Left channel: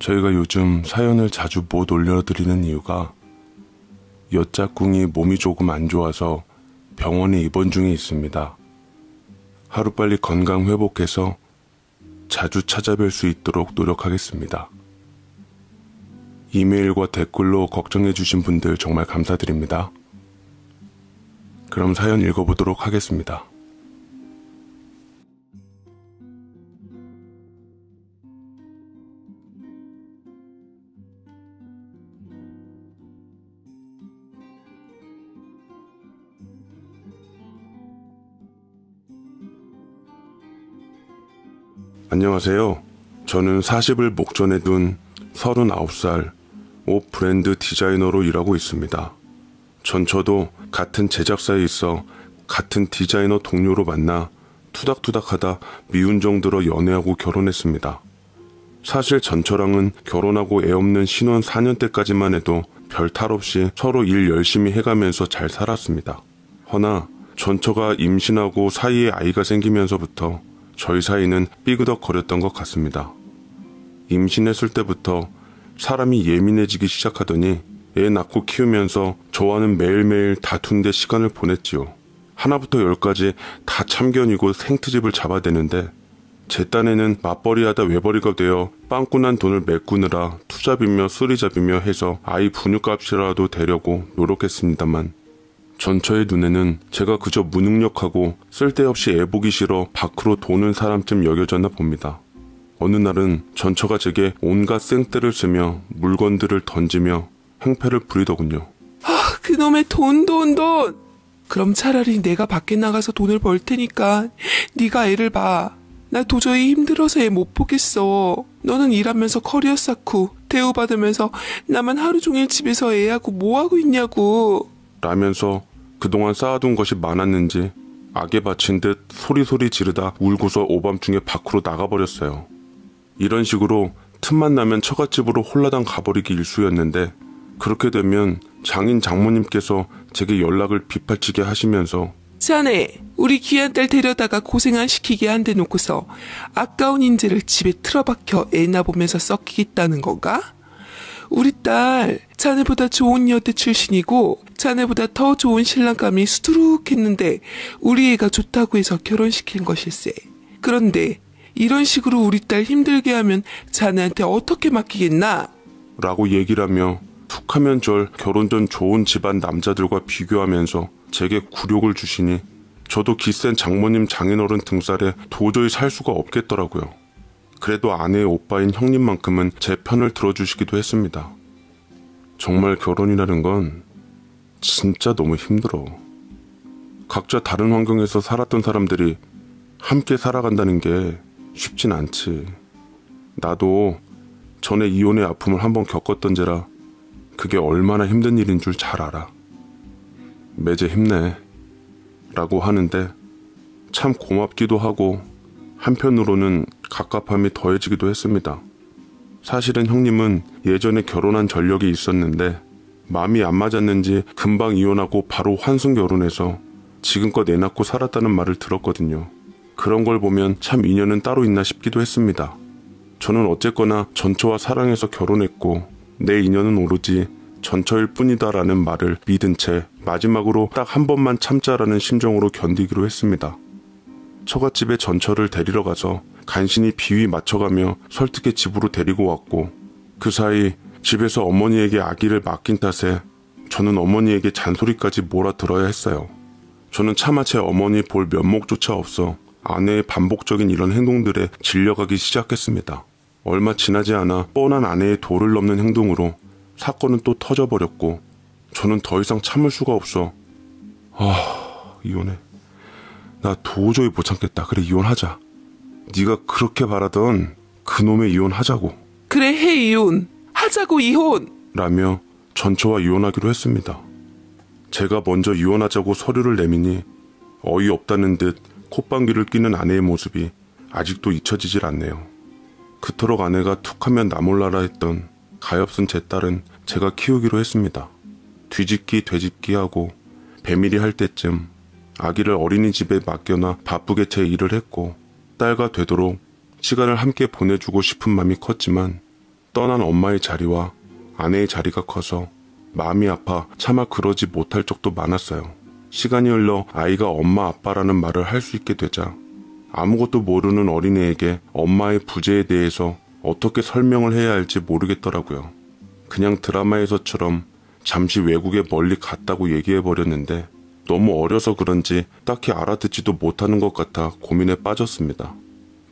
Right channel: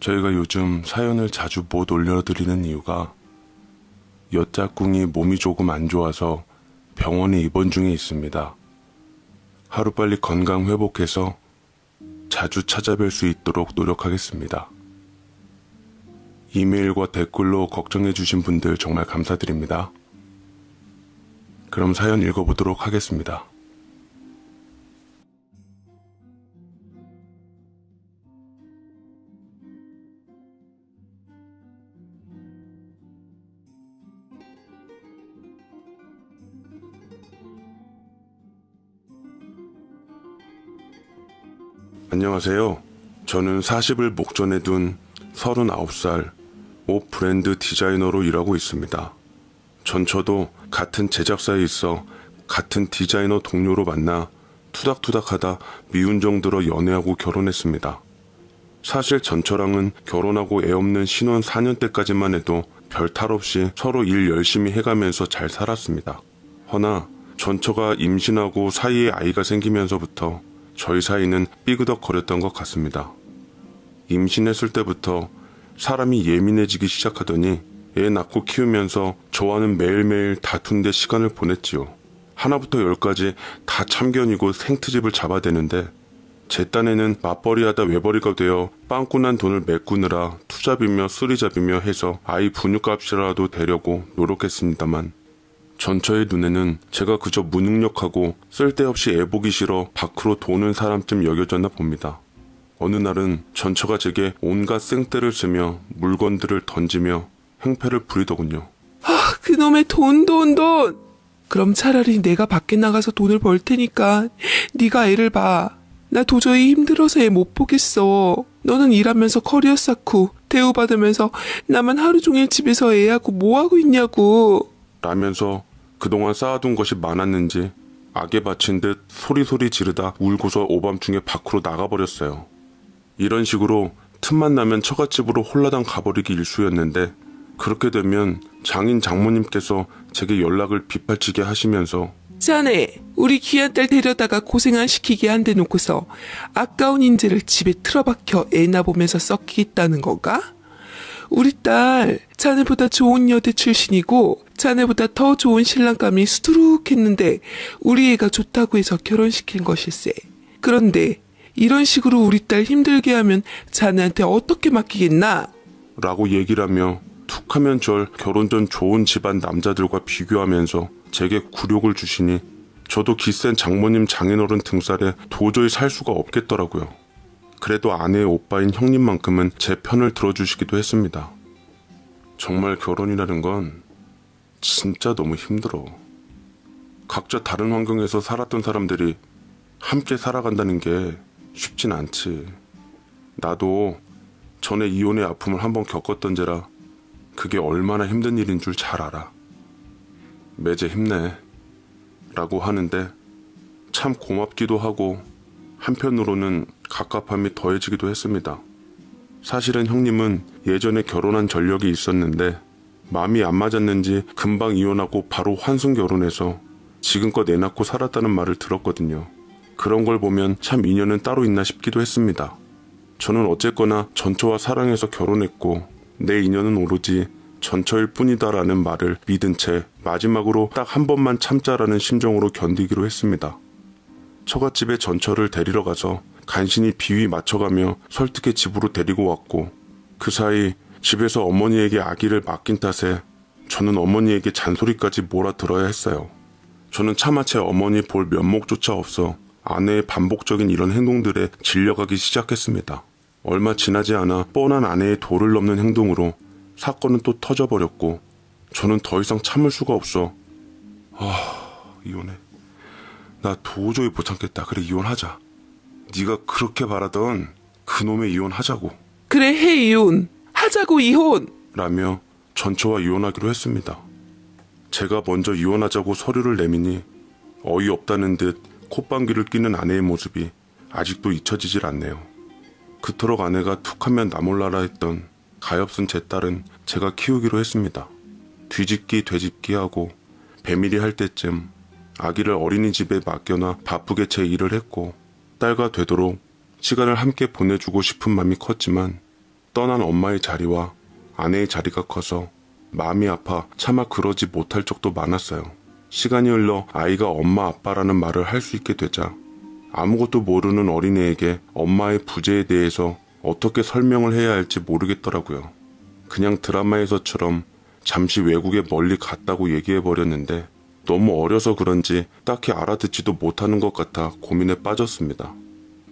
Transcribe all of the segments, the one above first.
저희가 요즘 사연을 자주 못 올려드리는 이유가 여짝꿍이 몸이 조금 안 좋아서 병원에 입원 중에 있습니다. 하루빨리 건강 회복해서 자주 찾아뵐 수 있도록 노력하겠습니다. 이메일과 댓글로 걱정해주신 분들 정말 감사드립니다. 그럼 사연 읽어보도록 하겠습니다. 안녕하세요. 저는 40을 목전에 둔 39살 옷 브랜드 디자이너로 일하고 있습니다. 전처도 같은 제작사에 있어 같은 디자이너 동료로 만나 투닥투닥하다 미운 정도로 연애하고 결혼했습니다. 사실 전처랑은 결혼하고 애 없는 신혼 4년 때까지만 해도 별 탈 없이 서로 일 열심히 해가면서 잘 살았습니다. 허나 전처가 임신하고 사이에 아이가 생기면서부터 저희 사이는 삐그덕거렸던 것 같습니다. 임신했을 때부터 사람이 예민해지기 시작하더니 애 낳고 키우면서 저와는 매일매일 다툰 데 시간을 보냈지요. 하나부터 10까지 다 참견이고 생트집을 잡아대는데 제 딴에는 맞벌이하다 외벌이가 되어 빵꾸난 돈을 메꾸느라 투잡이며 쓰리잡이며 해서 아이 분유값이라도 대려고 노력했습니다만 전처의 눈에는 제가 그저 무능력하고 쓸데없이 애보기 싫어 밖으로 도는 사람쯤 여겨졌나 봅니다. 어느 날은 전처가 제게 온갖 생떼를 쓰며 물건들을 던지며 행패를 부리더군요. 그놈의 돈. 그럼 차라리 내가 밖에 나가서 돈을 벌 테니까 네가 애를 봐. 나 도저히 힘들어서 애 못 보겠어. 너는 일하면서 커리어 쌓고 대우받으면서 나만 하루 종일 집에서 애하고 뭐하고 있냐고. 라면서 그동안 쌓아둔 것이 많았는지 악에 바친 듯 소리소리 지르다 울고서 오밤중에 밖으로 나가버렸어요. 이런 식으로 틈만 나면 처갓집으로 홀라당 가버리기 일쑤였는데 그렇게 되면 장인 장모님께서 제게 연락을 빗발치게 하시면서 자네 우리 귀한 딸 데려다가 고생 안 시키게 한 대 놓고서 아까운 인재를 집에 틀어박혀 애나 보면서 썩히겠다는 건가? 우리 딸 자네보다 좋은 여대 출신이고 자네보다 더 좋은 신랑감이 수두룩했는데 우리 애가 좋다고 해서 결혼시킨 것일세. 그런데 이런 식으로 우리 딸 힘들게 하면 자네한테 어떻게 맡기겠나? 라고 얘기를 하며 툭하면 절 결혼 전 좋은 집안 남자들과 비교하면서 제게 굴욕을 주시니 저도 기센 장모님 장인어른 등살에 도저히 살 수가 없겠더라고요. 그래도 아내의 오빠인 형님만큼은 제 편을 들어주시기도 했습니다. 정말 결혼이라는 건 진짜 너무 힘들어. 각자 다른 환경에서 살았던 사람들이 함께 살아간다는 게 쉽진 않지. 나도 전에 이혼의 아픔을 한번 겪었던 죄라 그게 얼마나 힘든 일인 줄 잘 알아. 매제 힘내 라고 하는데 참 고맙기도 하고 한편으로는 갑갑함이 더해지기도 했습니다. 사실은 형님은 예전에 결혼한 전력이 있었는데 마음이 안 맞았는지 금방 이혼하고 바로 환승 결혼해서 지금껏 애 낳고 살았다는 말을 들었거든요. 그런 걸 보면 참 인연은 따로 있나 싶기도 했습니다. 저는 어쨌거나 전처와 사랑해서 결혼했고 내 인연은 오로지 전처일 뿐이다라는 말을 믿은 채 마지막으로 딱 한 번만 참자라는 심정으로 견디기로 했습니다. 처갓집에 전처를 데리러 가서 간신히 비위 맞춰가며 설득해 집으로 데리고 왔고 그 사이 집에서 어머니에게 아기를 맡긴 탓에 저는 어머니에게 잔소리까지 몰아들어야 했어요. 저는 차마 제 어머니 볼 면목조차 없어 아내의 반복적인 이런 행동들에 질려가기 시작했습니다. 얼마 지나지 않아 뻔한 아내의 도를 넘는 행동으로 사건은 또 터져버렸고 저는 더 이상 참을 수가 없어 이혼해. 나 도저히 못 참겠다. 그래 이혼하자. 네가 그렇게 바라던 그놈의 이혼하자고. 그래 해 이혼. 하자고 이혼. 라며 전처와 이혼하기로 했습니다. 제가 먼저 이혼하자고 서류를 내미니 어이없다는 듯 콧방귀를 뀌는 아내의 모습이 아직도 잊혀지질 않네요. 그토록 아내가 툭하면 나 몰라라 했던 가엾은 제 딸은 제가 키우기로 했습니다. 뒤집기 되짚기 하고 배밀이 할 때쯤 아기를 어린이집에 맡겨놔 바쁘게 제 일을 했고 딸과 되도록 시간을 함께 보내주고 싶은 마음이 컸지만 떠난 엄마의 자리와 아내의 자리가 커서 마음이 아파 차마 그러지 못할 적도 많았어요. 시간이 흘러 아이가 엄마 아빠라는 말을 할 수 있게 되자 아무것도 모르는 어린애에게 엄마의 부재에 대해서 어떻게 설명을 해야 할지 모르겠더라고요. 그냥 드라마에서처럼 잠시 외국에 멀리 갔다고 얘기해버렸는데 너무 어려서 그런지 딱히 알아듣지도 못하는 것 같아 고민에 빠졌습니다.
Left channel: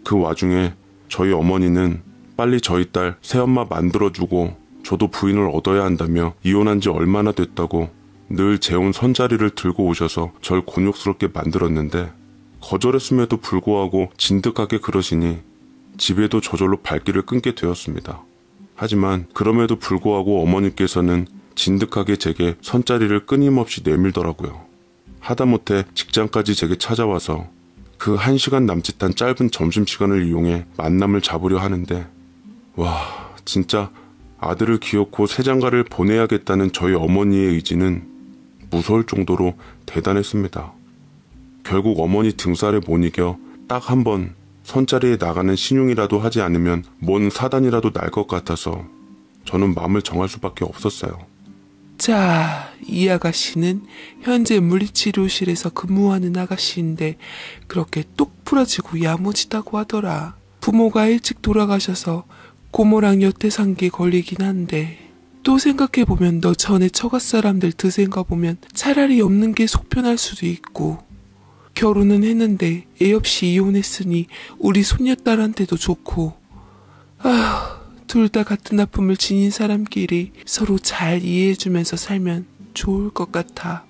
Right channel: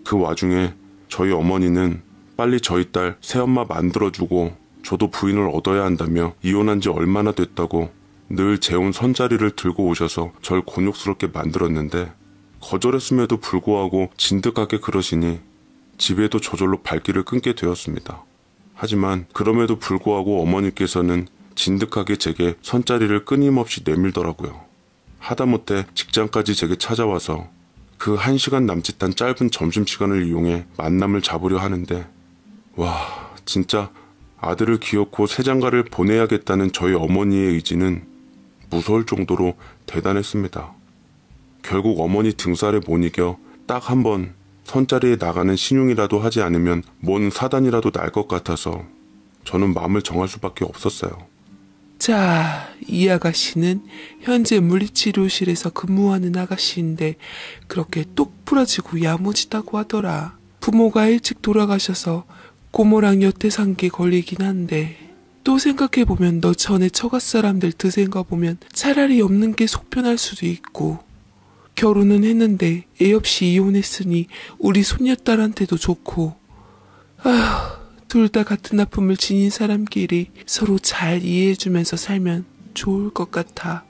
그 와중에 저희 어머니는 빨리 저희 딸 새엄마 만들어주고 저도 부인을 얻어야 한다며 이혼한 지 얼마나 됐다고 늘 재운 손자리를 들고 오셔서 절 곤욕스럽게 만들었는데 거절했음에도 불구하고 진득하게 그러시니 집에도 저절로 발길을 끊게 되었습니다. 하지만 그럼에도 불구하고 어머니께서는 진득하게 제게 손자리를 끊임없이 내밀더라고요. 하다못해 직장까지 제게 찾아와서 그 1시간 남짓한 짧은 점심시간을 이용해 만남을 잡으려 하는데 와, 진짜 아들을 기어코 새장가를 보내야겠다는 저희 어머니의 의지는 무서울 정도로 대단했습니다. 결국 어머니 등살에 못 이겨 딱 한 번 손자리에 나가는 신용이라도 하지 않으면 뭔 사단이라도 날 것 같아서 저는 마음을 정할 수밖에 없었어요. 자, 이 아가씨는 현재 물리치료실에서 근무하는 아가씨인데 그렇게 똑 부러지고 야무지다고 하더라. 부모가 일찍 돌아가셔서 고모랑 여태산게 걸리긴 한데 또 생각해보면 너 전에 처갓 사람들 드센 거 보면 차라리 없는 게 속편할 수도 있고 결혼은 했는데 애 없이 이혼했으니 우리 손녀딸한테도 좋고 아휴 둘 다 같은 아픔을 지닌 사람끼리 서로 잘 이해해주면서 살면 좋을 것 같아.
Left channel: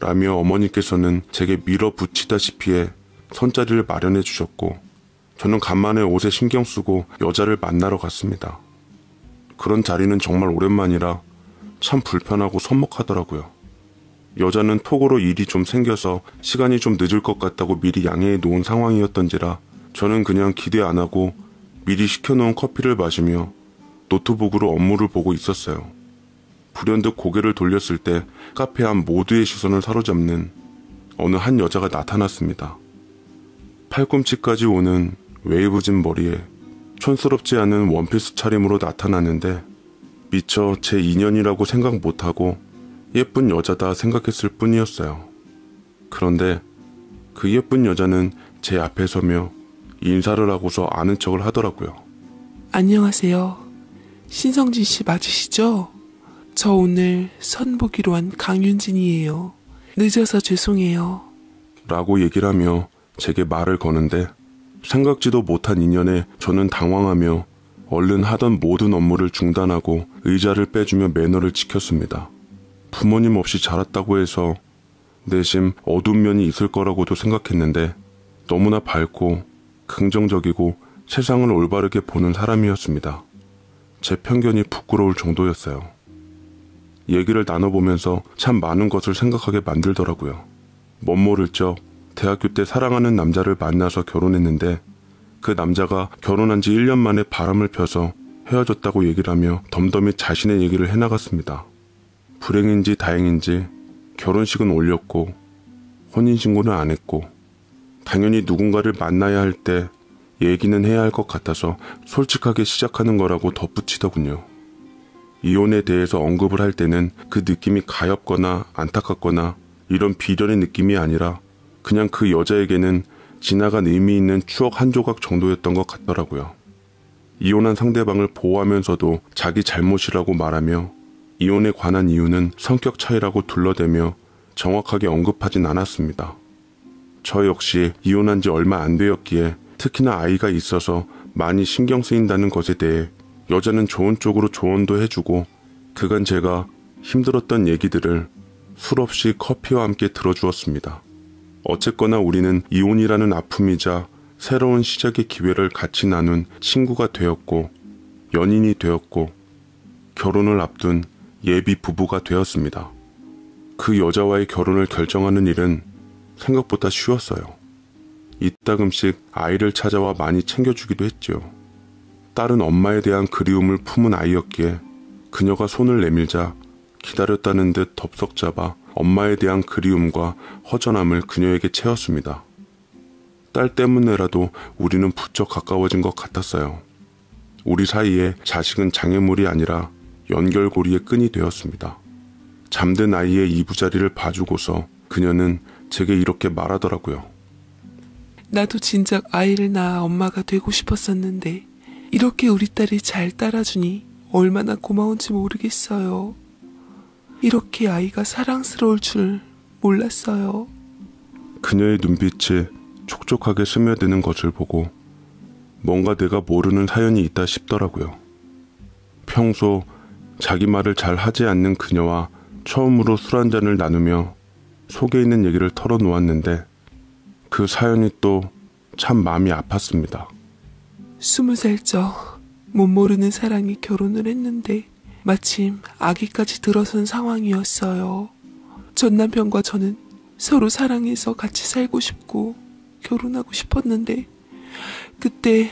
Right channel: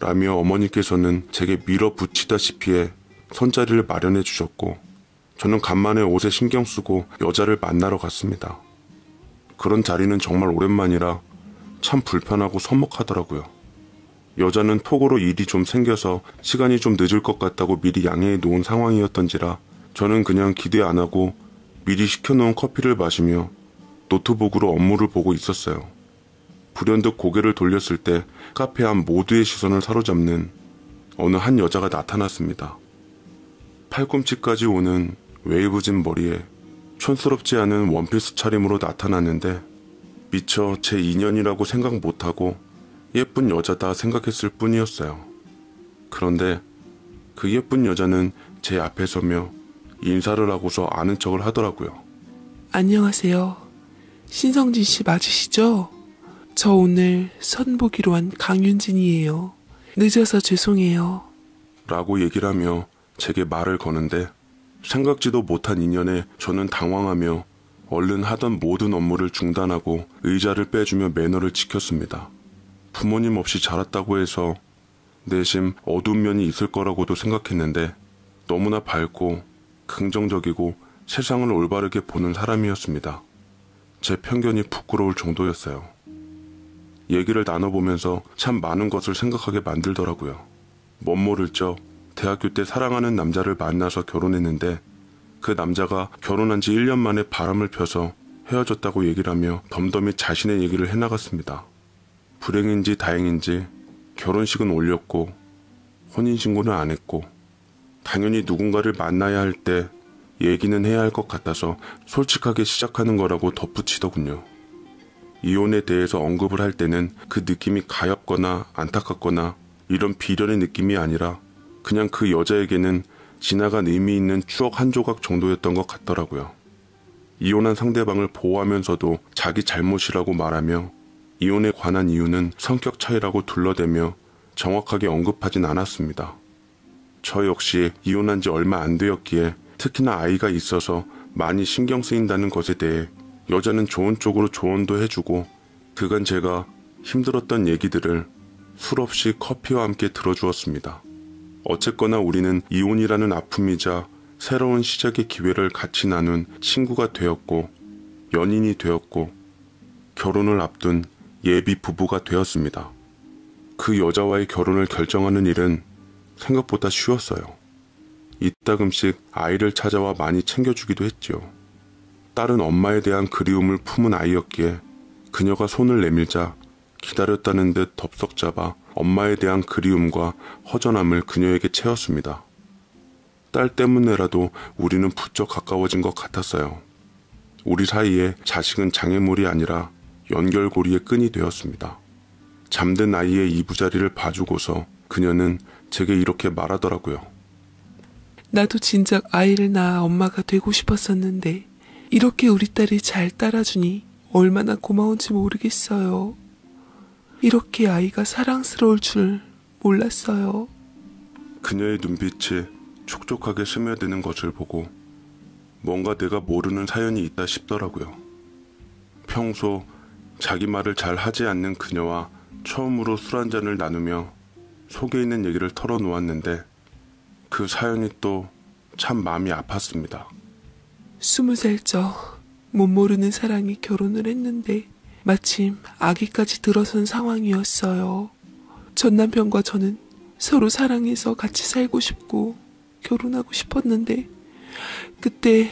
라며 어머니께서는 제게 밀어붙이다시피 해 손자리를 마련해 주셨고 저는 간만에 옷에 신경 쓰고 여자를 만나러 갔습니다. 그런 자리는 정말 오랜만이라 참 불편하고 서먹하더라고요. 여자는 톡으로 일이 좀 생겨서 시간이 좀 늦을 것 같다고 미리 양해해 놓은 상황이었던지라 저는 그냥 기대 안 하고 미리 시켜놓은 커피를 마시며 노트북으로 업무를 보고 있었어요. 불현듯 고개를 돌렸을 때 카페 안 모두의 시선을 사로잡는 어느 한 여자가 나타났습니다. 팔꿈치까지 오는 웨이브진 머리에 촌스럽지 않은 원피스 차림으로 나타났는데 미처 제 인연이라고 생각 못하고 예쁜 여자다 생각했을 뿐이었어요. 그런데 그 예쁜 여자는 제 앞에 서며 인사를 하고서 아는 척을 하더라고요. 안녕하세요. 신성진 씨 맞으시죠? 저 오늘 선보기로 한 강윤진이에요. 늦어서 죄송해요. 라고 얘기를 하며 제게 말을 거는데 생각지도 못한 인연에 저는 당황하며 얼른 하던 모든 업무를 중단하고 의자를 빼주며 매너를 지켰습니다. 부모님 없이 자랐다고 해서 내심 어두운 면이 있을 거라고도 생각했는데 너무나 밝고 긍정적이고 세상을 올바르게 보는 사람이었습니다. 제 편견이 부끄러울 정도였어요. 얘기를 나눠보면서 참 많은 것을 생각하게 만들더라고요. 멋모를 적 대학교 때 사랑하는 남자를 만나서 결혼했는데 그 남자가 결혼한 지 1년 만에 바람을 펴서 헤어졌다고 얘기를 하며 덤덤히 자신의 얘기를 해나갔습니다. 불행인지 다행인지 결혼식은 올렸고 혼인신고는 안 했고 당연히 누군가를 만나야 할 때 얘기는 해야 할 것 같아서 솔직하게 시작하는 거라고 덧붙이더군요. 이혼에 대해서 언급을 할 때는 그 느낌이 가엽거나 안타깝거나 이런 비련의 느낌이 아니라 그냥 그 여자에게는 지나간 의미 있는 추억 한 조각 정도였던 것 같더라고요. 이혼한 상대방을 보호하면서도 자기 잘못이라고 말하며 이혼에 관한 이유는 성격 차이라고 둘러대며 정확하게 언급하진 않았습니다. 저 역시 이혼한 지 얼마 안 되었기에 특히나 아이가 있어서 많이 신경 쓰인다는 것에 대해 여자는 좋은 쪽으로 조언도 해주고 그간 제가 힘들었던 얘기들을 술없이 커피와 함께 들어주었습니다. 어쨌거나 우리는 이혼이라는 아픔이자 새로운 시작의 기회를 같이 나눈 친구가 되었고 연인이 되었고 결혼을 앞둔 예비 부부가 되었습니다. 그 여자와의 결혼을 결정하는 일은 생각보다 쉬웠어요. 이따금씩 아이를 찾아와 많이 챙겨주기도 했죠. 딸은 엄마에 대한 그리움을 품은 아이였기에 그녀가 손을 내밀자 기다렸다는 듯 덥석 잡아 엄마에 대한 그리움과 허전함을 그녀에게 채웠습니다. 딸 때문에라도 우리는 부쩍 가까워진 것 같았어요. 우리 사이에 자식은 장애물이 아니라 연결고리의 끈이 되었습니다. 잠든 아이의 이부자리를 봐주고서 그녀는 제게 이렇게 말하더라고요. 나도 진작 아이를 낳아 엄마가 되고 싶었었는데 이렇게 우리 딸이 잘 따라주니 얼마나 고마운지 모르겠어요. 이렇게 아이가 사랑스러울 줄 몰랐어요. 그녀의 눈빛에 촉촉하게 스며드는 것을 보고 뭔가 내가 모르는 사연이 있다 싶더라고요. 평소 자기 말을 잘 하지 않는 그녀와 처음으로 술 한잔을 나누며 속에 있는 얘기를 털어놓았는데 그 사연이 또 참 마음이 아팠습니다. 20살 못 모르는 사랑이 결혼을 했는데 마침 아기까지 들어선 상황이었어요. 전 남편과 저는 서로 사랑해서 같이 살고 싶고 결혼하고 싶었는데 그때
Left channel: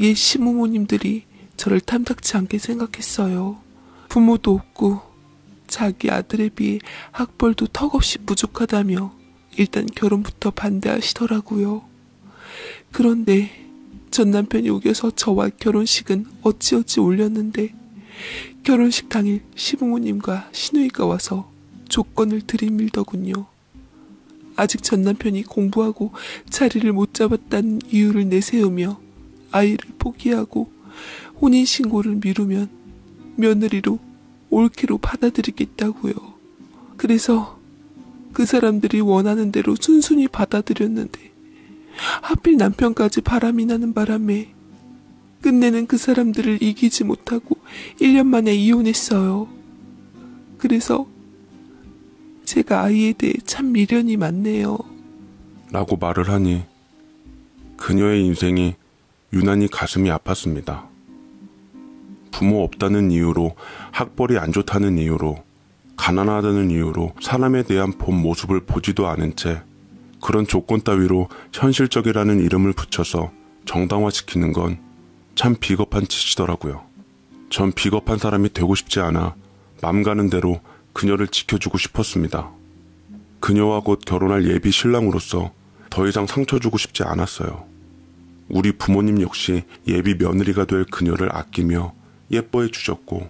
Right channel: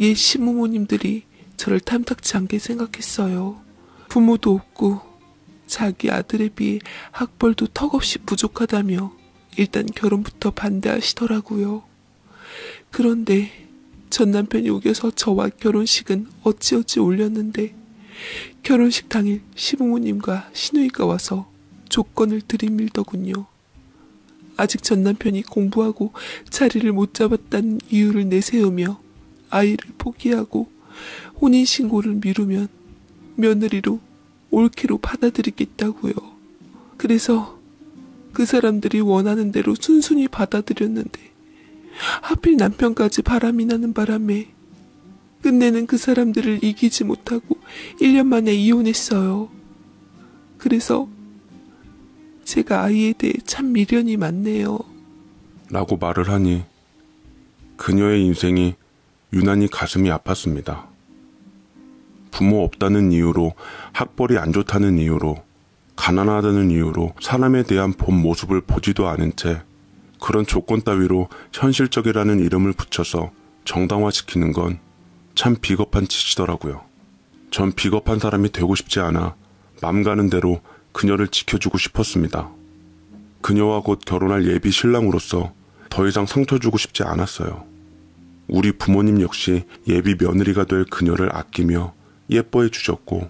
옛 시부모님들이 저를 탐탁지 않게 생각했어요. 부모도 없고 자기 아들에 비해 학벌도 턱없이 부족하다며 일단 결혼부터 반대하시더라고요. 그런데 전 남편이 우겨서 저와 결혼식은 어찌어찌 올렸는데 결혼식 당일 시부모님과 시누이가 와서 조건을 들이밀더군요. 아직 전 남편이 공부하고 자리를 못 잡았다는 이유를 내세우며 아이를 포기하고 혼인신고를 미루면 며느리로 올케로 받아들이겠다고요. 그래서 그 사람들이 원하는 대로 순순히 받아들였는데 하필 남편까지 바람이 나는 바람에 끝내는 그 사람들을 이기지 못하고 1년 만에 이혼했어요. 그래서 제가 아이에 대해 참 미련이 많네요. 라고 말을 하니 그녀의 인생이 유난히 가슴이 아팠습니다. 부모 없다는 이유로, 학벌이 안 좋다는 이유로, 가난하다는 이유로 사람에 대한 본 모습을 보지도 않은 채 그런 조건 따위로 현실적이라는 이름을 붙여서 정당화시키는 건 참 비겁한 짓이더라고요. 전 비겁한 사람이 되고 싶지 않아 맘 가는 대로 그녀를 지켜주고 싶었습니다. 그녀와 곧 결혼할 예비 신랑으로서 더 이상 상처 주고 싶지 않았어요. 우리 부모님 역시 예비 며느리가 될 그녀를 아끼며 예뻐해 주셨고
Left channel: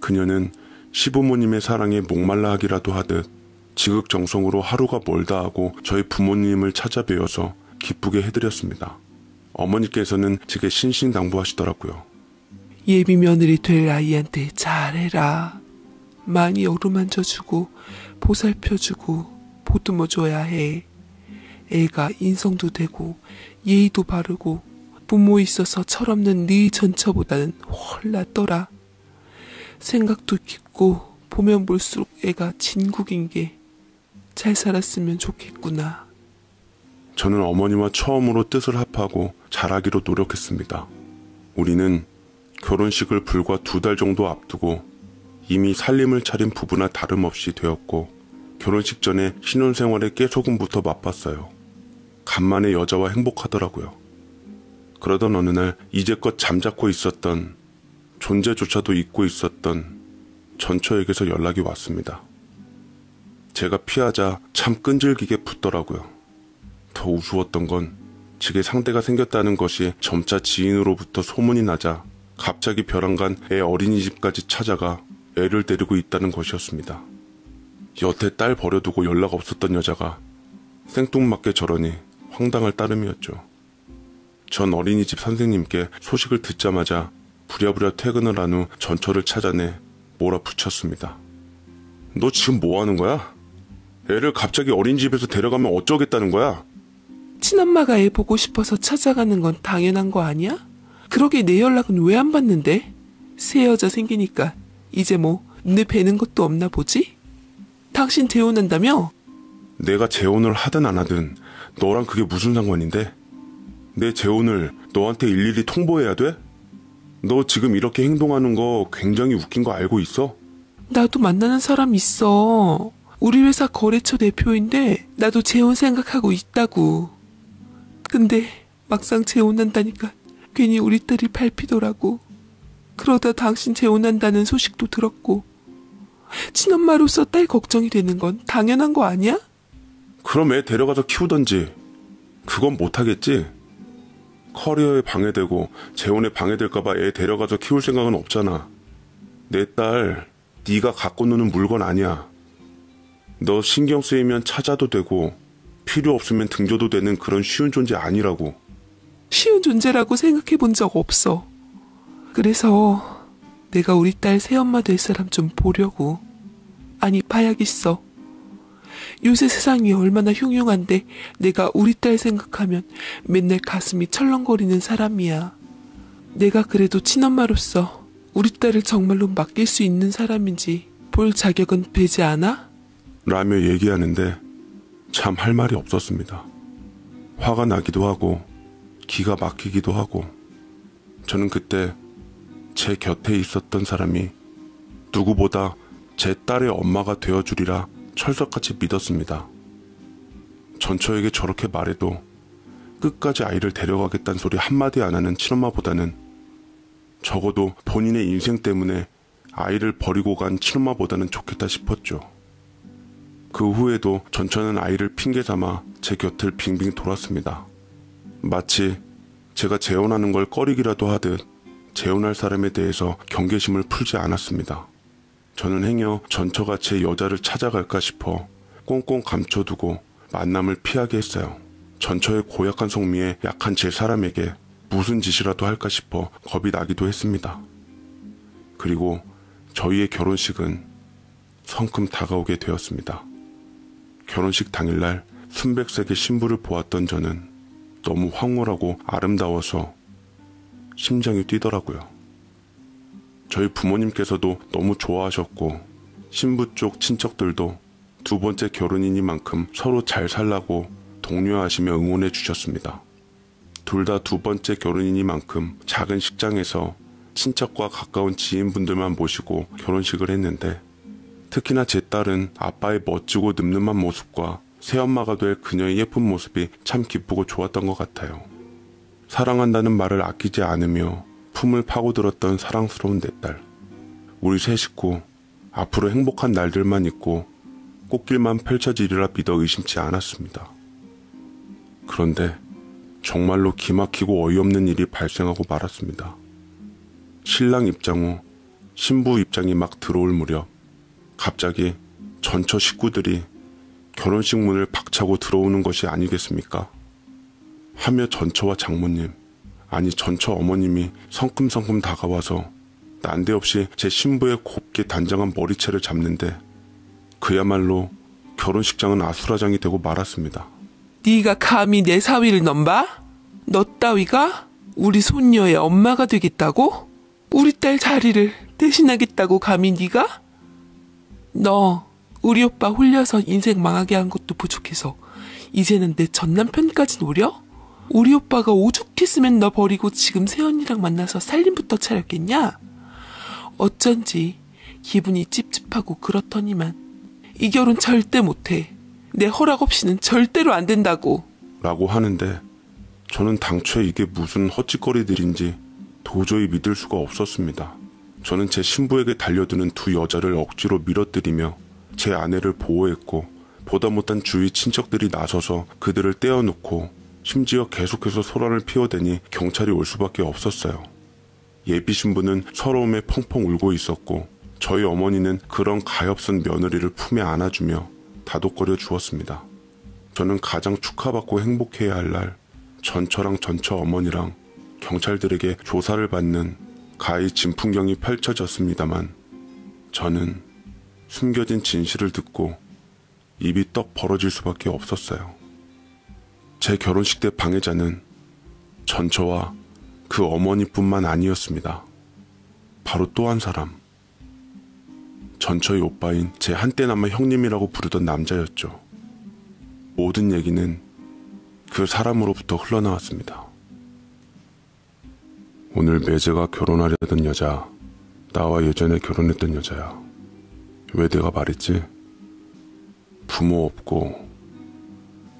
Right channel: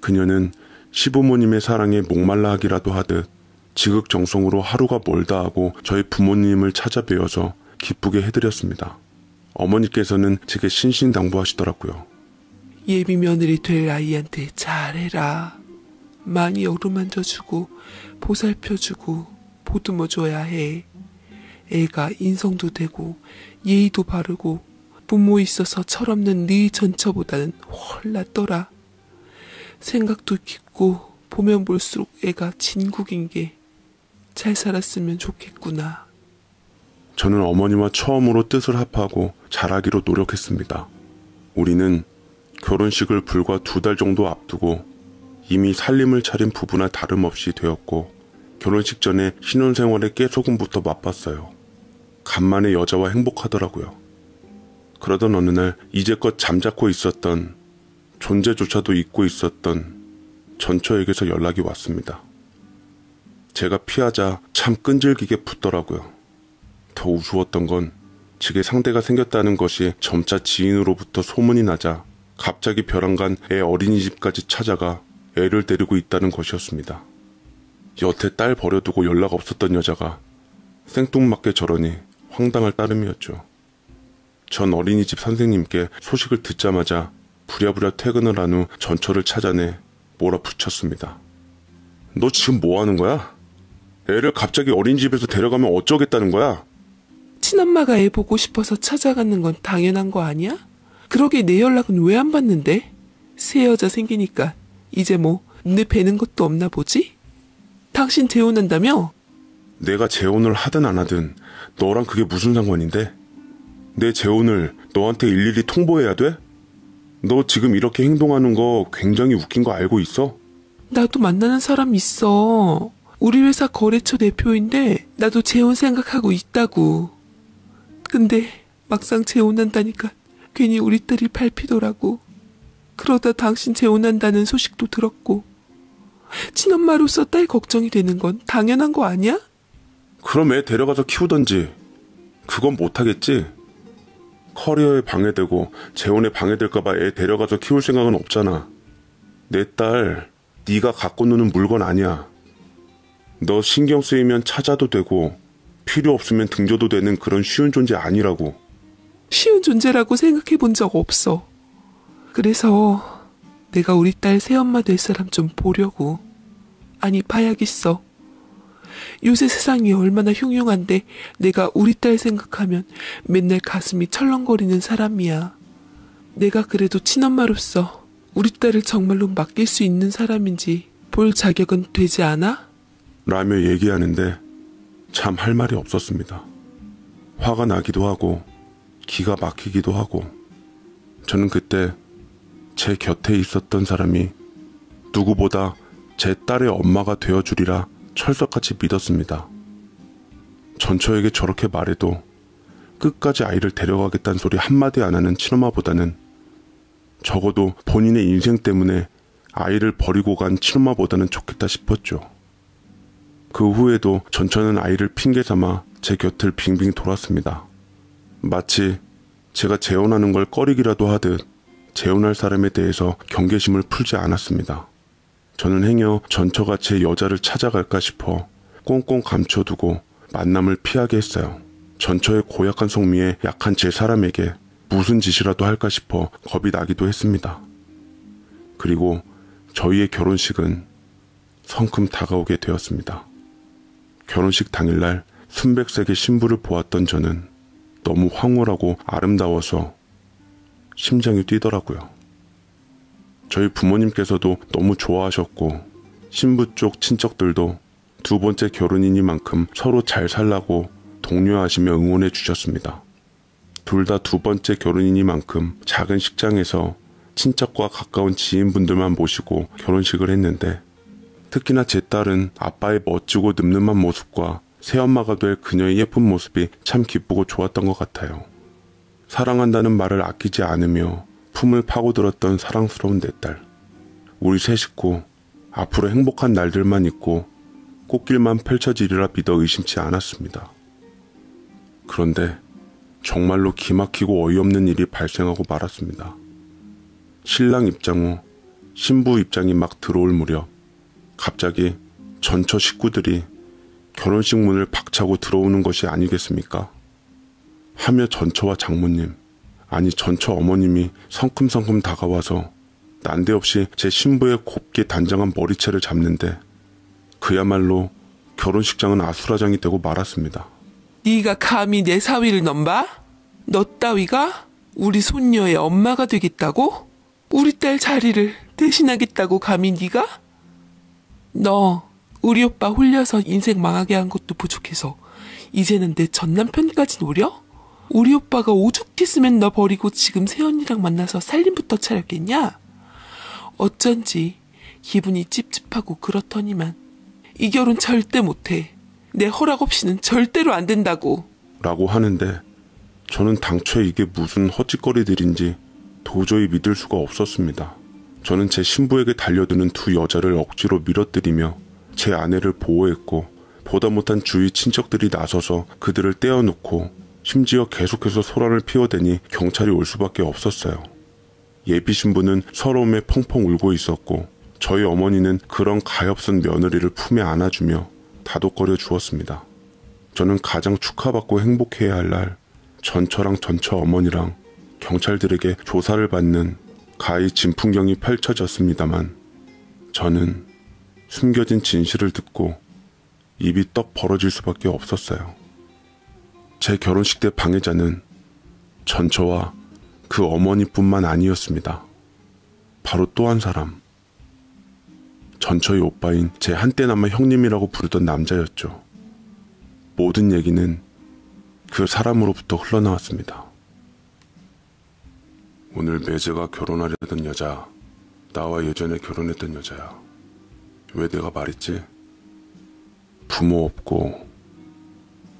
그녀는 시부모님의 사랑에 목말라 하기라도 하듯 지극정성으로 하루가 멀다 하고 저희 부모님을 찾아뵈어서 기쁘게 해드렸습니다. 어머니께서는 제게 신신당부하시더라고요. 예비 며느리 될 아이한테 잘해라. 많이 어루만져주고 보살펴주고 보듬어줘야 해. 애가 인성도 되고 예의도 바르고 부모 있어서 철없는 네 전처보다는 훨 낫더라. 생각도 깊고 보면 볼수록 애가 진국인 게 잘 살았으면 좋겠구나. 저는 어머니와 처음으로 뜻을 합하고 잘하기로 노력했습니다. 우리는 결혼식을 불과 2달 정도 앞두고 이미 살림을 차린 부부나 다름없이 되었고 결혼식 전에 신혼생활의 깨소금부터 맛봤어요. 간만에 여자와 행복하더라고요. 그러던 어느 날 이제껏 잠자코 있었던 존재조차도 잊고 있었던 전처에게서 연락이 왔습니다. 제가 피하자 참 끈질기게 붙더라고요. 더 우스웠던 건 제게 상대가 생겼다는 것이 점차 지인으로부터 소문이 나자 갑자기 벼랑간 애 어린이집까지 찾아가 애를 데리고 있다는 것이었습니다. 여태 딸 버려두고 연락 없었던 여자가 생뚱맞게 저러니 황당할 따름이었죠. 전 어린이집 선생님께 소식을 듣자마자 부랴부랴 퇴근을 한 후 전처를 찾아내 몰아붙였습니다. 너 지금 뭐 하는 거야? 애를 갑자기 어린이집에서 데려가면 어쩌겠다는 거야? 친엄마가 애 보고 싶어서 찾아가는 건 당연한 거 아니야? 그러게 내 연락은 왜 안 받는데? 새 여자 생기니까 이제 뭐 내 뵈는 것도 없나 보지? 당신 재혼한다며? 내가 재혼을 하든 안 하든 너랑 그게 무슨 상관인데? 내 재혼을 너한테 일일이 통보해야 돼? 너 지금 이렇게 행동하는 거 굉장히 웃긴 거 알고 있어? 나도 만나는 사람 있어. 우리 회사 거래처 대표인데 나도 재혼 생각하고 있다고. 근데 막상 재혼한다니까 괜히 우리 딸이 밟히더라고. 그러다 당신 재혼한다는 소식도 들었고 친엄마로서 딸 걱정이 되는 건 당연한 거 아니야? 그럼 애 데려가서 키우던지. 그건 못하겠지? 커리어에 방해되고 재혼에 방해될까봐 애 데려가서 키울 생각은 없잖아. 내 딸 네가 갖고 노는 물건 아니야. 너 신경 쓰이면 찾아도 되고 필요 없으면 등져도 되는 그런 쉬운 존재 아니라고. 쉬운 존재라고 생각해 본 적 없어. 그래서 내가 우리 딸 새엄마 될 사람 좀 보려고. 아니, 봐야겠어. 요새 세상이 얼마나 흉흉한데 내가 우리 딸 생각하면 맨날 가슴이 철렁거리는 사람이야. 내가 그래도 친엄마로서 우리 딸을 정말로 맡길 수 있는 사람인지 볼 자격은 되지 않아? 라며 얘기하는데 참 할 말이 없었습니다. 화가 나기도 하고 기가 막히기도 하고. 저는 그때 제 곁에 있었던 사람이 누구보다 제 딸의 엄마가 되어주리라 철석같이 믿었습니다. 전처에게 저렇게 말해도 끝까지 아이를 데려가겠다는 소리 한마디 안 하는 친엄마보다는 적어도 본인의 인생 때문에 아이를 버리고 간 친엄마보다는 좋겠다 싶었죠. 그 후에도 전처는 아이를 핑계 삼아 제 곁을 빙빙 돌았습니다. 마치 제가 재혼하는 걸 꺼리기라도 하듯 재혼할 사람에 대해서 경계심을 풀지 않았습니다. 저는 행여 전처가 제 여자를 찾아갈까 싶어 꽁꽁 감춰두고 만남을 피하게 했어요. 전처의 고약한 성미에 약한 제 사람에게 무슨 짓이라도 할까 싶어 겁이 나기도 했습니다. 그리고 저희의 결혼식은 성큼 다가오게 되었습니다. 결혼식 당일날 순백색의 신부를 보았던 저는 너무 황홀하고 아름다워서 심장이 뛰더라고요. 저희 부모님께서도 너무 좋아하셨고 신부 쪽 친척들도 두 번째 결혼이니만큼 서로 잘 살라고 독려하시며 응원해 주셨습니다. 둘 다 두 번째 결혼이니만큼 작은 식장에서 친척과 가까운 지인분들만 모시고 결혼식을 했는데 특히나 제 딸은 아빠의 멋지고 늠름한 모습과 새엄마가 될 그녀의 예쁜 모습이 참 기쁘고 좋았던 것 같아요. 사랑한다는 말을 아끼지 않으며 품을 파고들었던 사랑스러운 내 딸. 우리 세 식구 앞으로 행복한 날들만 있고 꽃길만 펼쳐지리라 믿어 의심치 않았습니다. 그런데 정말로 기막히고 어이없는 일이 발생하고 말았습니다. 신랑 입장 후 신부 입장이 막 들어올 무렵 갑자기 전처 식구들이 결혼식 문을 박차고 들어오는 것이 아니겠습니까? 하며 전처와 장모님, 아니 전처 어머님이 성큼성큼 다가와서 난데없이 제 신부의 곱게 단정한 머리채를 잡는데 그야말로 결혼식장은 아수라장이 되고 말았습니다. 네가 감히 내 사위를 넘봐? 너 따위가 우리 손녀의 엄마가 되겠다고? 우리 딸 자리를 대신하겠다고 감히 네가? 너 우리 오빠 홀려서 인생 망하게 한 것도 부족해서 이제는 내 전남편까지 노려? 우리 오빠가 오죽했으면 너 버리고 지금 새언니랑 만나서 살림부터 차렸겠냐? 어쩐지 기분이 찝찝하고 그렇더니만 이 결혼 절대 못해. 내 허락 없이는 절대로 안 된다고. 라고 하는데 저는 당초에 이게 무슨 헛짓거리들인지 도저히 믿을 수가 없었습니다. 저는 제 신부에게 달려드는 두 여자를 억지로 밀어뜨리며 제 아내를 보호했고 보다 못한 주위 친척들이 나서서 그들을 떼어놓고 심지어 계속해서 소란을 피워대니 경찰이 올 수밖에 없었어요. 예비 신부는 서러움에 펑펑 울고 있었고 저희 어머니는 그런 가엾은 며느리를 품에 안아주며 다독거려 주었습니다. 저는 가장 축하받고 행복해야 할 날 전처랑 전처 어머니랑 경찰들에게 조사를 받는 가히 진풍경이 펼쳐졌습니다만 저는 숨겨진 진실을 듣고 입이 떡 벌어질 수밖에 없었어요. 제 결혼식 때 방해자는 전처와 그 어머니뿐만 아니었습니다. 바로 또 한 사람, 전처의 오빠인 제 한때나마 형님이라고 부르던 남자였죠. 모든 얘기는 그 사람으로부터 흘러나왔습니다. 오늘 매제가 결혼하려던 여자, 나와 예전에 결혼했던 여자야. 왜 내가 말했지? 부모 없고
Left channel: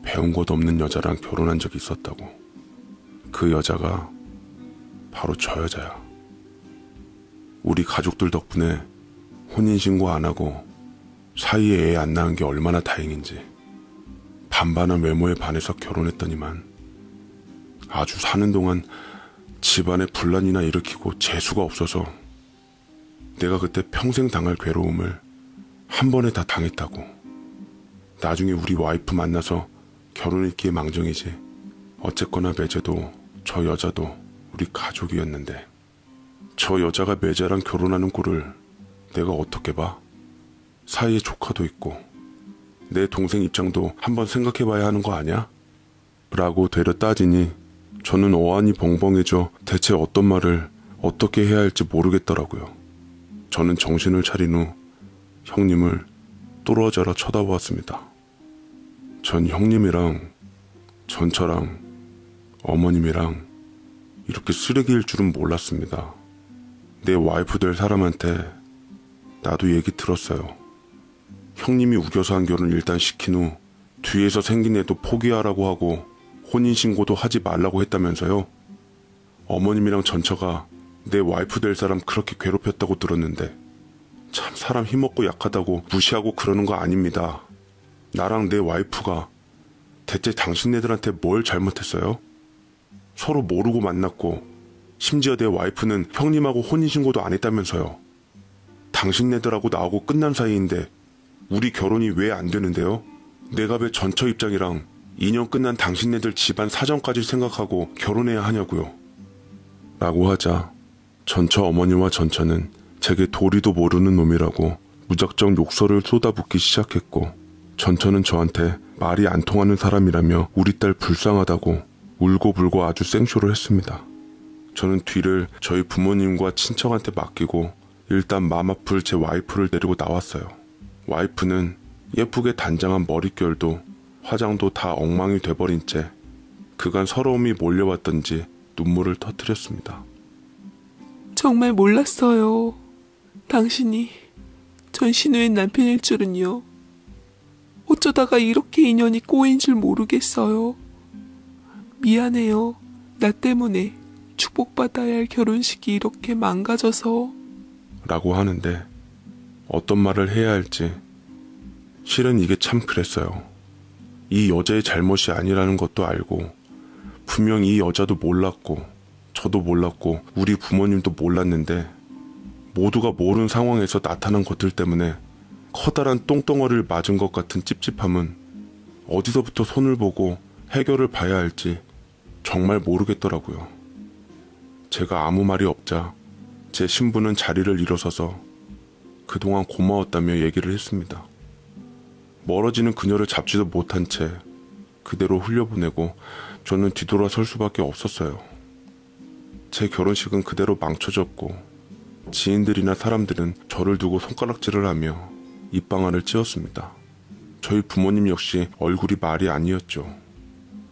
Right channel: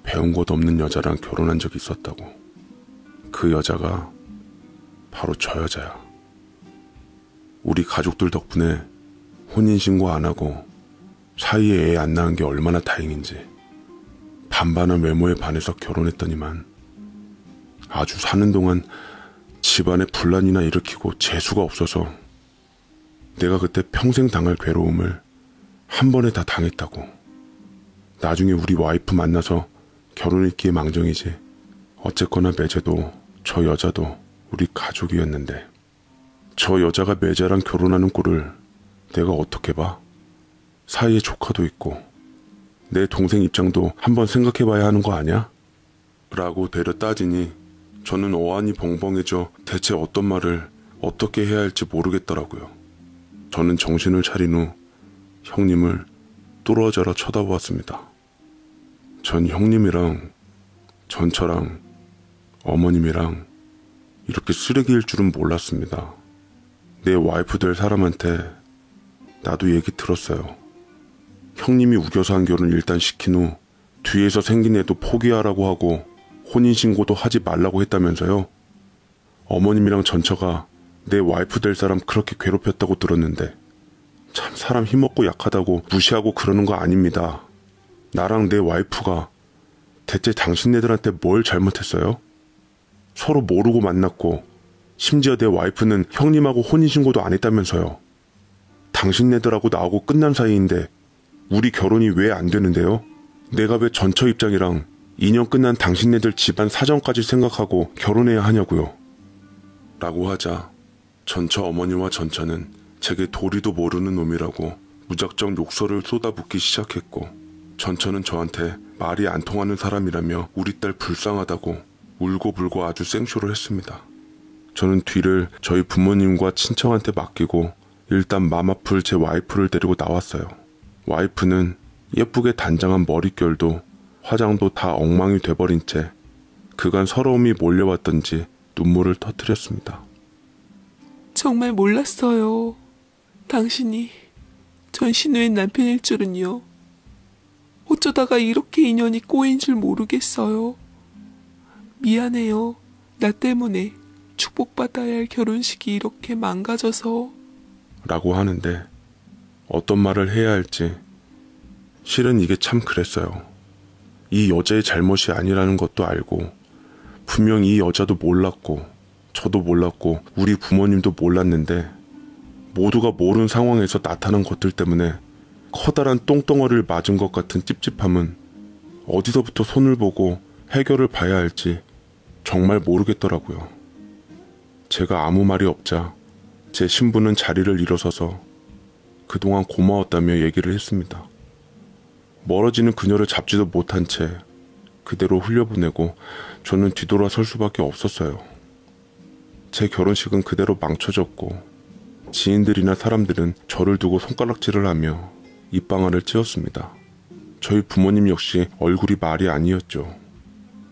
배운 곳 없는 여자랑 결혼한 적이 있었다고. 그 여자가 바로 저 여자야. 우리 가족들 덕분에 혼인신고 안 하고 사이에 애 안 낳은 게 얼마나 다행인지. 반반한 외모에 반해서 결혼했더니만 아주 사는 동안 집안에 분란이나 일으키고 재수가 없어서 내가 그때 평생 당할 괴로움을 한 번에 다 당했다고. 나중에 우리 와이프 만나서 결혼했기에 망정이지 어쨌거나 매제도 저 여자도 우리 가족이었는데 저 여자가 매제랑 결혼하는 꼴을 내가 어떻게 봐? 사이에 조카도 있고 내 동생 입장도 한번 생각해봐야 하는 거 아니야? 라고 대려 따지니 저는 어안이 벙벙해져 대체 어떤 말을 어떻게 해야 할지 모르겠더라고요. 저는 정신을 차린 후 형님을 뚫어져라 쳐다보았습니다. 전 형님이랑 전처랑 어머님이랑 이렇게 쓰레기일 줄은 몰랐습니다. 내 와이프 될 사람한테 나도 얘기 들었어요. 형님이 우겨서 한 결혼 일단 시킨 후 뒤에서 생긴 애도 포기하라고 하고 혼인신고도 하지 말라고 했다면서요. 어머님이랑 전처가 내 와이프 될 사람 그렇게 괴롭혔다고 들었는데 참 사람 힘없고 약하다고 무시하고 그러는 거 아닙니다. 나랑 내 와이프가 대체 당신네들한테 뭘 잘못했어요? 서로 모르고 만났고 심지어 내 와이프는 형님하고 혼인신고도 안 했다면서요. 당신네들하고 나하고 끝난 사이인데 우리 결혼이 왜 안 되는데요? 내가 왜 전처 입장이랑 2년 끝난 당신네들 집안 사정까지 생각하고 결혼해야 하냐고요. 라고 하자 전처 어머니와 전처는 제게 도리도 모르는 놈이라고 무작정 욕설을 쏟아붓기 시작했고 전처는 저한테 말이 안 통하는 사람이라며 우리 딸 불쌍하다고 울고불고 아주 생쇼를 했습니다. 저는 뒤를 저희 부모님과 친척한테 맡기고 일단 맘 아플 제 와이프를 데리고 나왔어요. 와이프는 예쁘게 단장한 머릿결도 화장도 다 엉망이 돼버린 채 그간 서러움이 몰려왔던지 눈물을 터뜨렸습니다. 정말 몰랐어요. 당신이 전 신우의 남편일 줄은요. 어쩌다가 이렇게 인연이 꼬인 줄 모르겠어요. 미안해요. 나 때문에 축복받아야 할 결혼식이 이렇게 망가져서. 라고 하는데 어떤 말을 해야 할지 실은 이게 참 그랬어요. 이 여자의 잘못이 아니라는 것도 알고 분명 이 여자도 몰랐고 저도 몰랐고 우리 부모님도 몰랐는데 모두가 모르는 상황에서 나타난 것들 때문에 커다란 똥덩어리를 맞은 것 같은 찝찝함은 어디서부터 손을 보고 해결을 봐야 할지 정말 모르겠더라고요. 제가 아무 말이 없자 제 신부는 자리를 일어서서 그동안 고마웠다며 얘기를 했습니다. 멀어지는 그녀를 잡지도 못한 채 그대로 흘려보내고 저는 뒤돌아설 수밖에 없었어요. 제 결혼식은 그대로 망쳐졌고 지인들이나 사람들은 저를 두고 손가락질을 하며 입방아를 찧었습니다. 저희 부모님 역시 얼굴이 말이 아니었죠.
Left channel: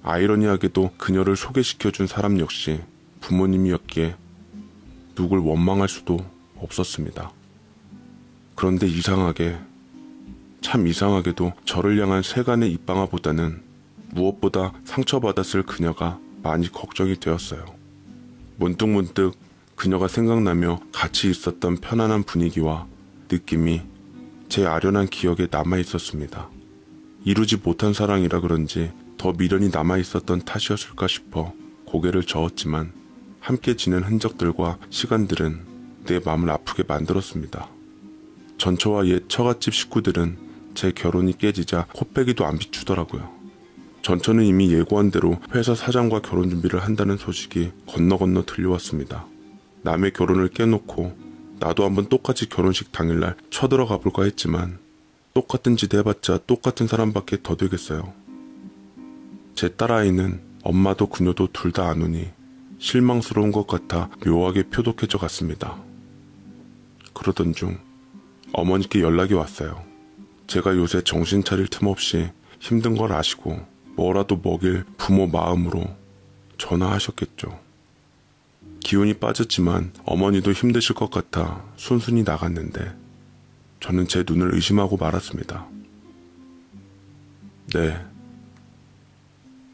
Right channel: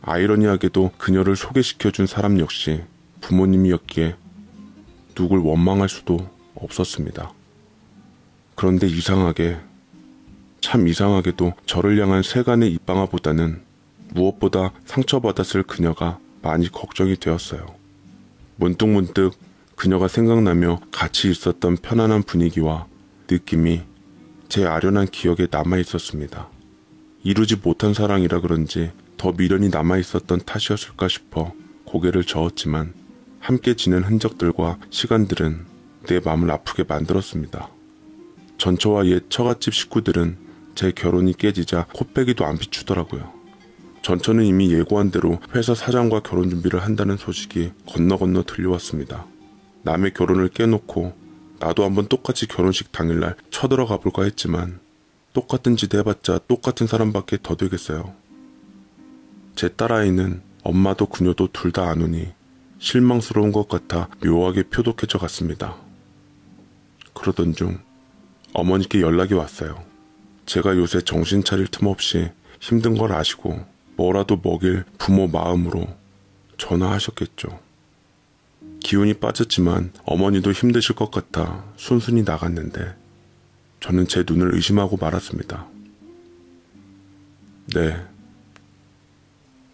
아이러니하게도 그녀를 소개시켜준 사람 역시 부모님이었기에 누굴 원망할 수도 없었습니다. 그런데 참 이상하게도 저를 향한 세간의 입방아보다는 무엇보다 상처받았을 그녀가 많이 걱정이 되었어요. 문득문득 그녀가 생각나며 같이 있었던 편안한 분위기와 느낌이 제 아련한 기억에 남아있었습니다. 이루지 못한 사랑이라 그런지 더 미련이 남아있었던 탓이었을까 싶어 고개를 저었지만 함께 지낸 흔적들과 시간들은 내 마음을 아프게 만들었습니다. 전처와 옛 처갓집 식구들은 제 결혼이 깨지자 코빼기도 안 비추더라고요. 전처는 이미 예고한 대로 회사 사장과 결혼 준비를 한다는 소식이 건너 들려왔습니다. 남의 결혼을 깨놓고 나도 한번 똑같이 결혼식 당일날 쳐들어가 볼까 했지만 똑같은 짓 해봤자 똑같은 사람밖에 더 되겠어요. 제 딸아이는 엄마도 그녀도 둘 다 안 오니 실망스러운 것 같아 묘하게 표독해져 갔습니다. 그러던 중 어머니께 연락이 왔어요. 제가 요새 정신 차릴 틈 없이 힘든 걸 아시고 뭐라도 먹일 부모 마음으로 전화하셨겠죠. 기운이 빠졌지만 어머니도 힘드실 것 같아 순순히 나갔는데 저는 제 눈을 의심하고 말았습니다. 네,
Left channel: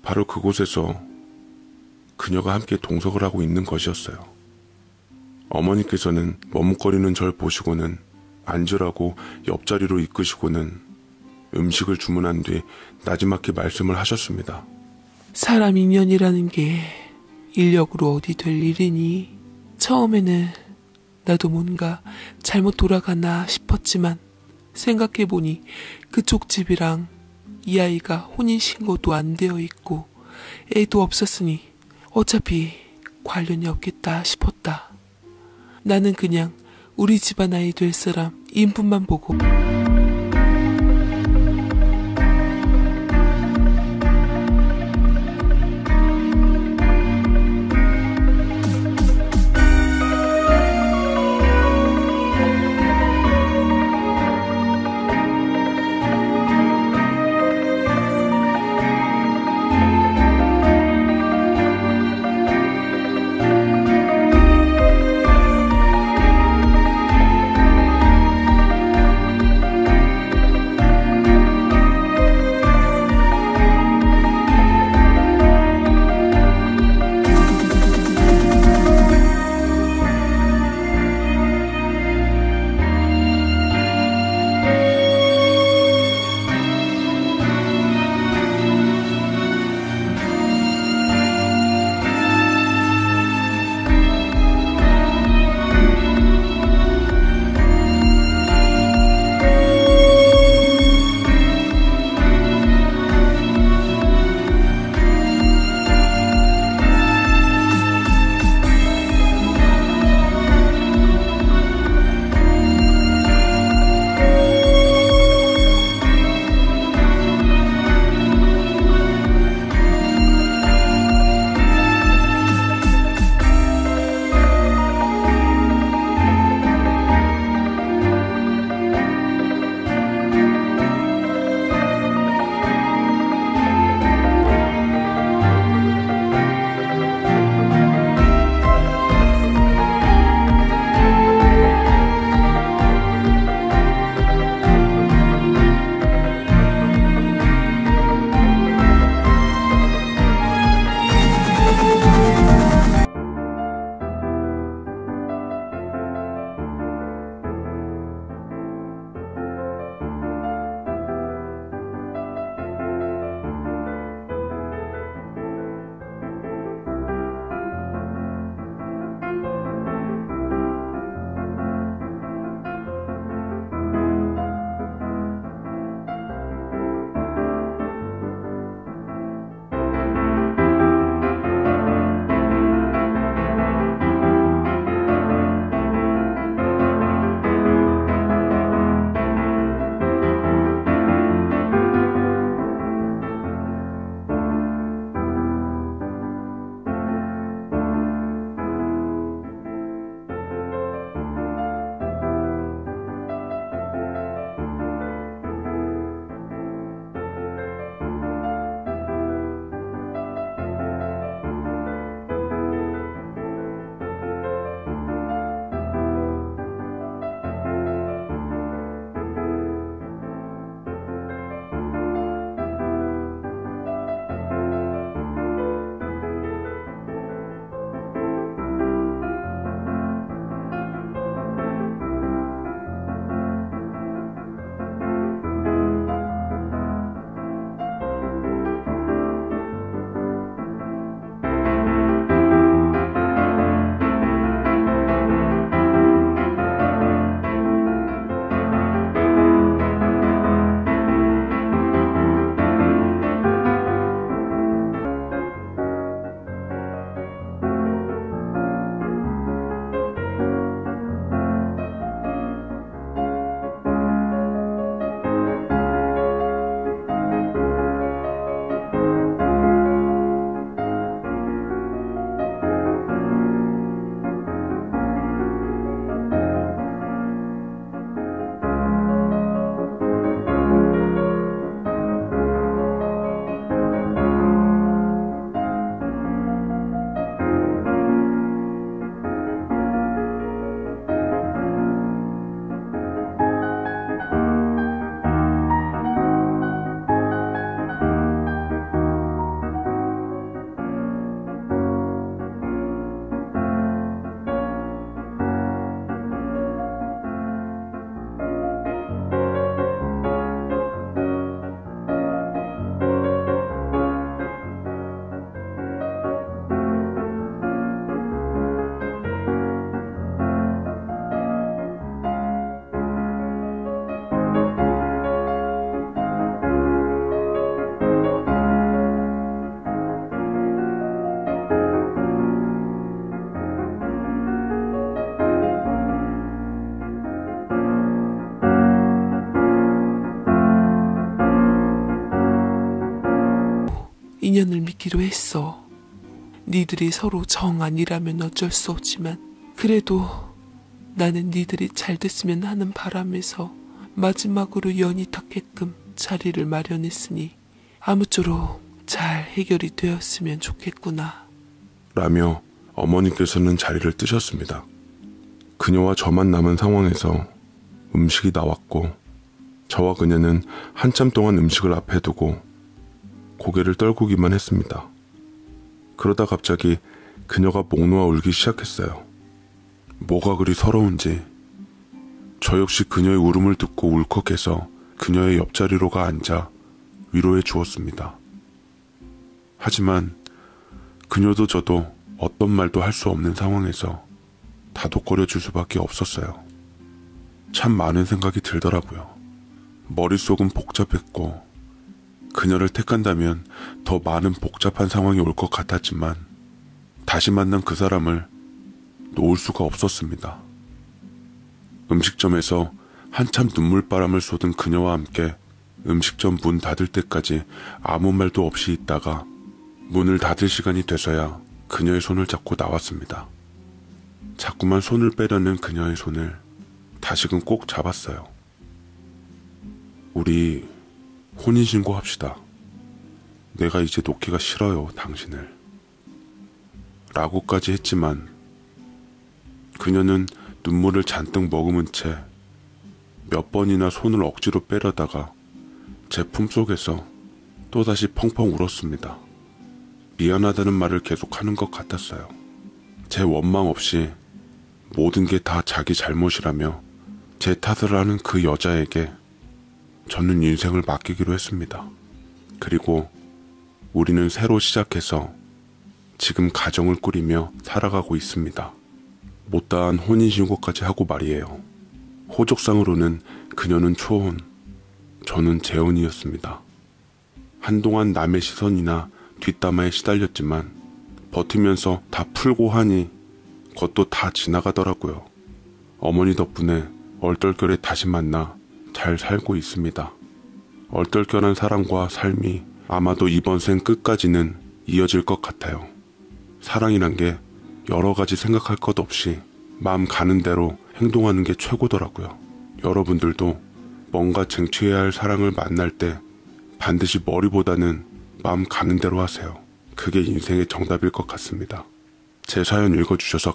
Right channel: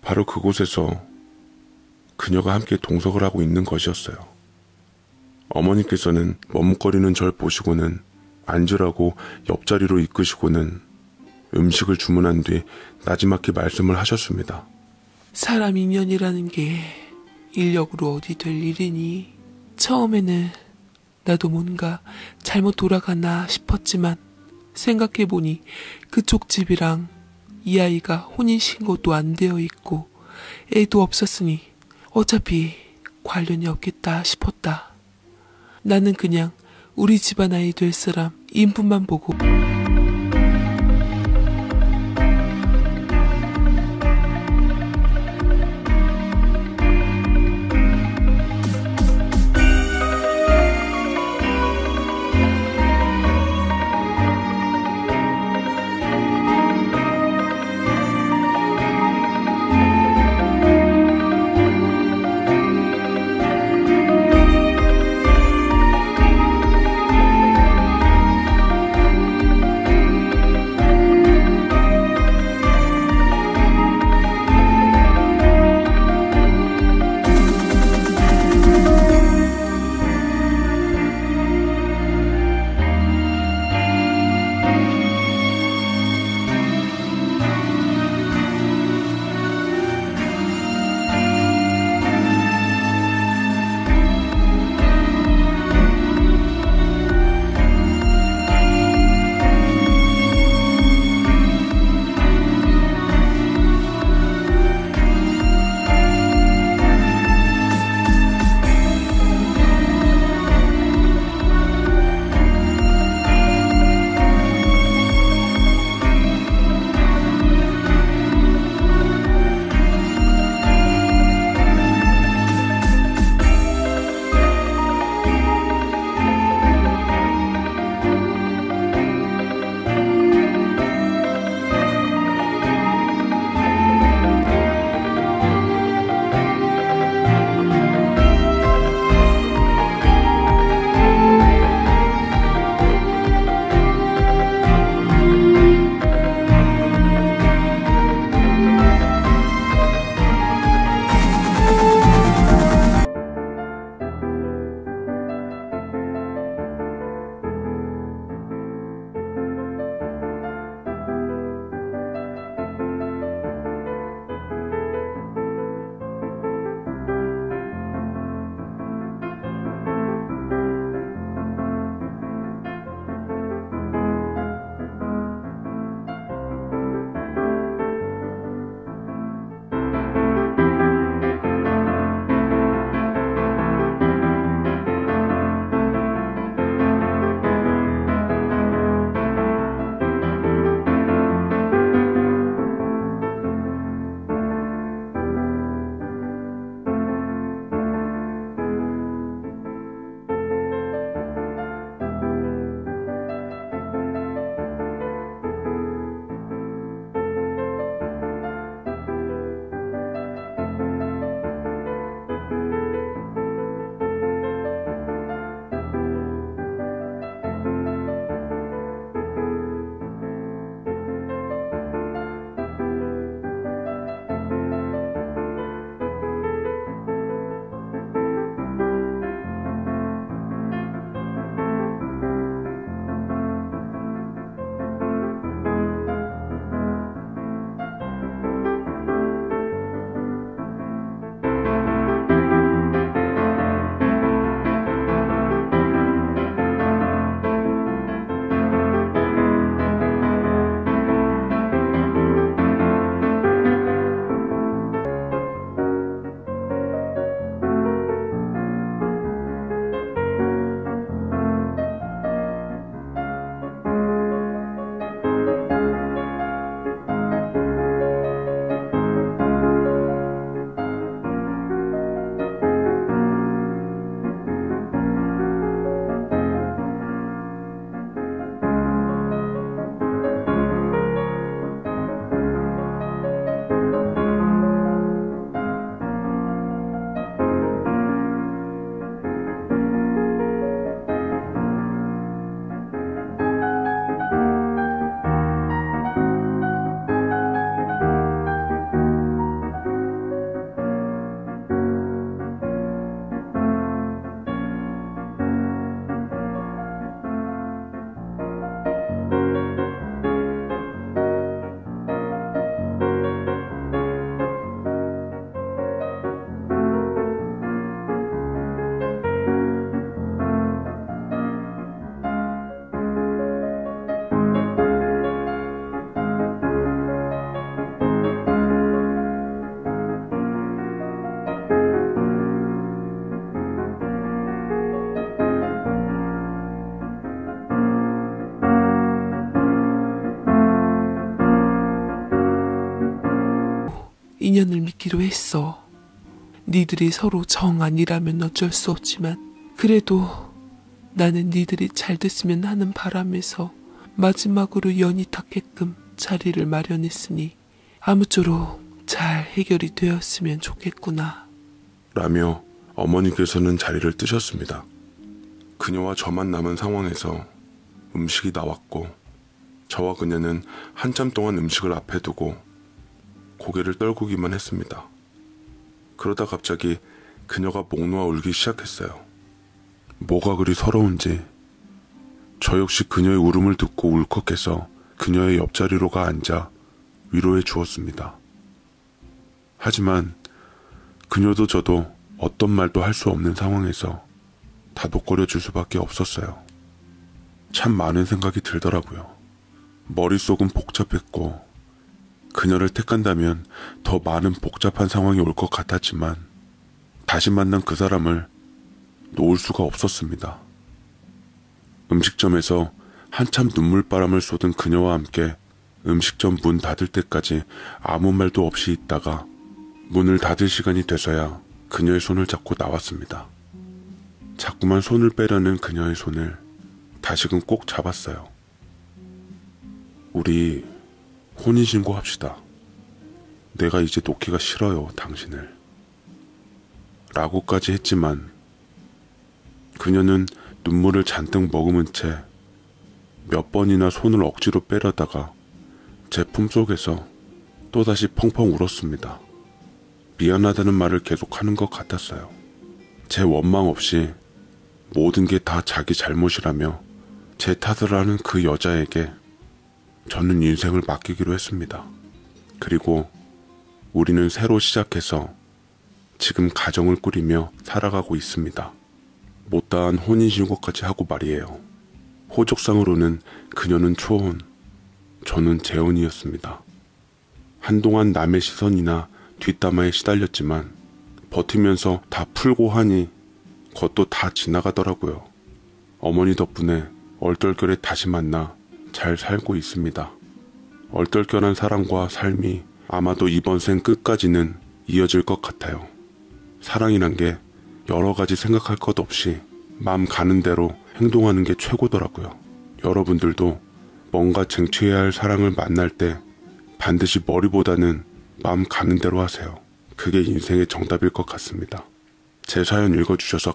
바로 그곳에서 그녀가 함께 동석을 하고 있는 것이었어요. 어머니께서는 머뭇거리는 절 보시고는 앉으라고 옆자리로 이끄시고는 음식을 주문한 뒤 나지막히 말씀을 하셨습니다. 사람 인연이라는 게 인력으로 어디 될 일이니. 처음에는 나도 뭔가 잘못 돌아가나 싶었지만 생각해보니 그쪽 집이랑 이 아이가 혼인신고도 안 되어 있고 애도 없었으니 어차피 관련이 없겠다 싶었다. 나는 그냥 우리 집안 아이 될 사람 인품만 보고 인연을 맺기로 했어. 니들이 서로 정 아니라면 어쩔 수 없지만 그래도 나는 니들이 잘 됐으면 하는 바람에서 마지막으로 연이 닿게끔 자리를 마련했으니 아무쪼록 잘 해결이 되었으면 좋겠구나. 라며 어머니께서는 자리를 뜨셨습니다. 그녀와 저만 남은 상황에서 음식이 나왔고 저와 그녀는 한참 동안 음식을 앞에 두고 고개를 떨구기만 했습니다. 그러다 갑자기 그녀가 목 놓아 울기 시작했어요. 뭐가 그리 서러운지 저 역시 그녀의 울음을 듣고 울컥해서 그녀의 옆자리로 가 앉아 위로해 주었습니다. 하지만 그녀도 저도 어떤 말도 할 수 없는 상황에서 다독거려 줄 수밖에 없었어요. 참 많은 생각이 들더라고요. 머릿속은 복잡했고 그녀를 택한다면 더 많은 복잡한 상황이 올 것 같았지만 다시 만난 그 사람을 놓을 수가 없었습니다. 음식점에서 한참 눈물바람을 쏟은 그녀와 함께 음식점 문 닫을 때까지 아무 말도 없이 있다가 문을 닫을 시간이 돼서야 그녀의 손을 잡고 나왔습니다. 자꾸만 손을 빼려는 그녀의 손을 다시금 꼭 잡았어요. 우리 혼인신고합시다. 내가 이제 놓기가 싫어요, 당신을. 라고까지 했지만 그녀는 눈물을 잔뜩 머금은 채 몇 번이나 손을 억지로 빼려다가 제 품속에서 또다시 펑펑 울었습니다. 미안하다는 말을 계속하는 것 같았어요. 제 원망 없이 모든 게 다 자기 잘못이라며 제 탓을 하는 그 여자에게 저는 인생을 맡기기로 했습니다. 그리고 우리는 새로 시작해서 지금 가정을 꾸리며 살아가고 있습니다. 못다한 혼인신고까지 하고 말이에요. 호족상으로는 그녀는 초혼, 저는 재혼이었습니다. 한동안 남의 시선이나 뒷담화에 시달렸지만 버티면서 다 풀고 하니 그것도 다 지나가더라고요. 어머니 덕분에 얼떨결에 다시 만나 잘 살고 있습니다. 얼떨결한 사랑과 삶이 아마도 이번 생 끝까지는 이어질 것 같아요. 사랑이란 게 여러 가지 생각할 것 없이 마음 가는 대로 행동하는 게 최고더라고요. 여러분들도 뭔가 쟁취해야 할 사랑을 만날 때 반드시 머리보다는 마음 가는 대로 하세요. 그게 인생의 정답일 것 같습니다. 제 사연 읽어주셔서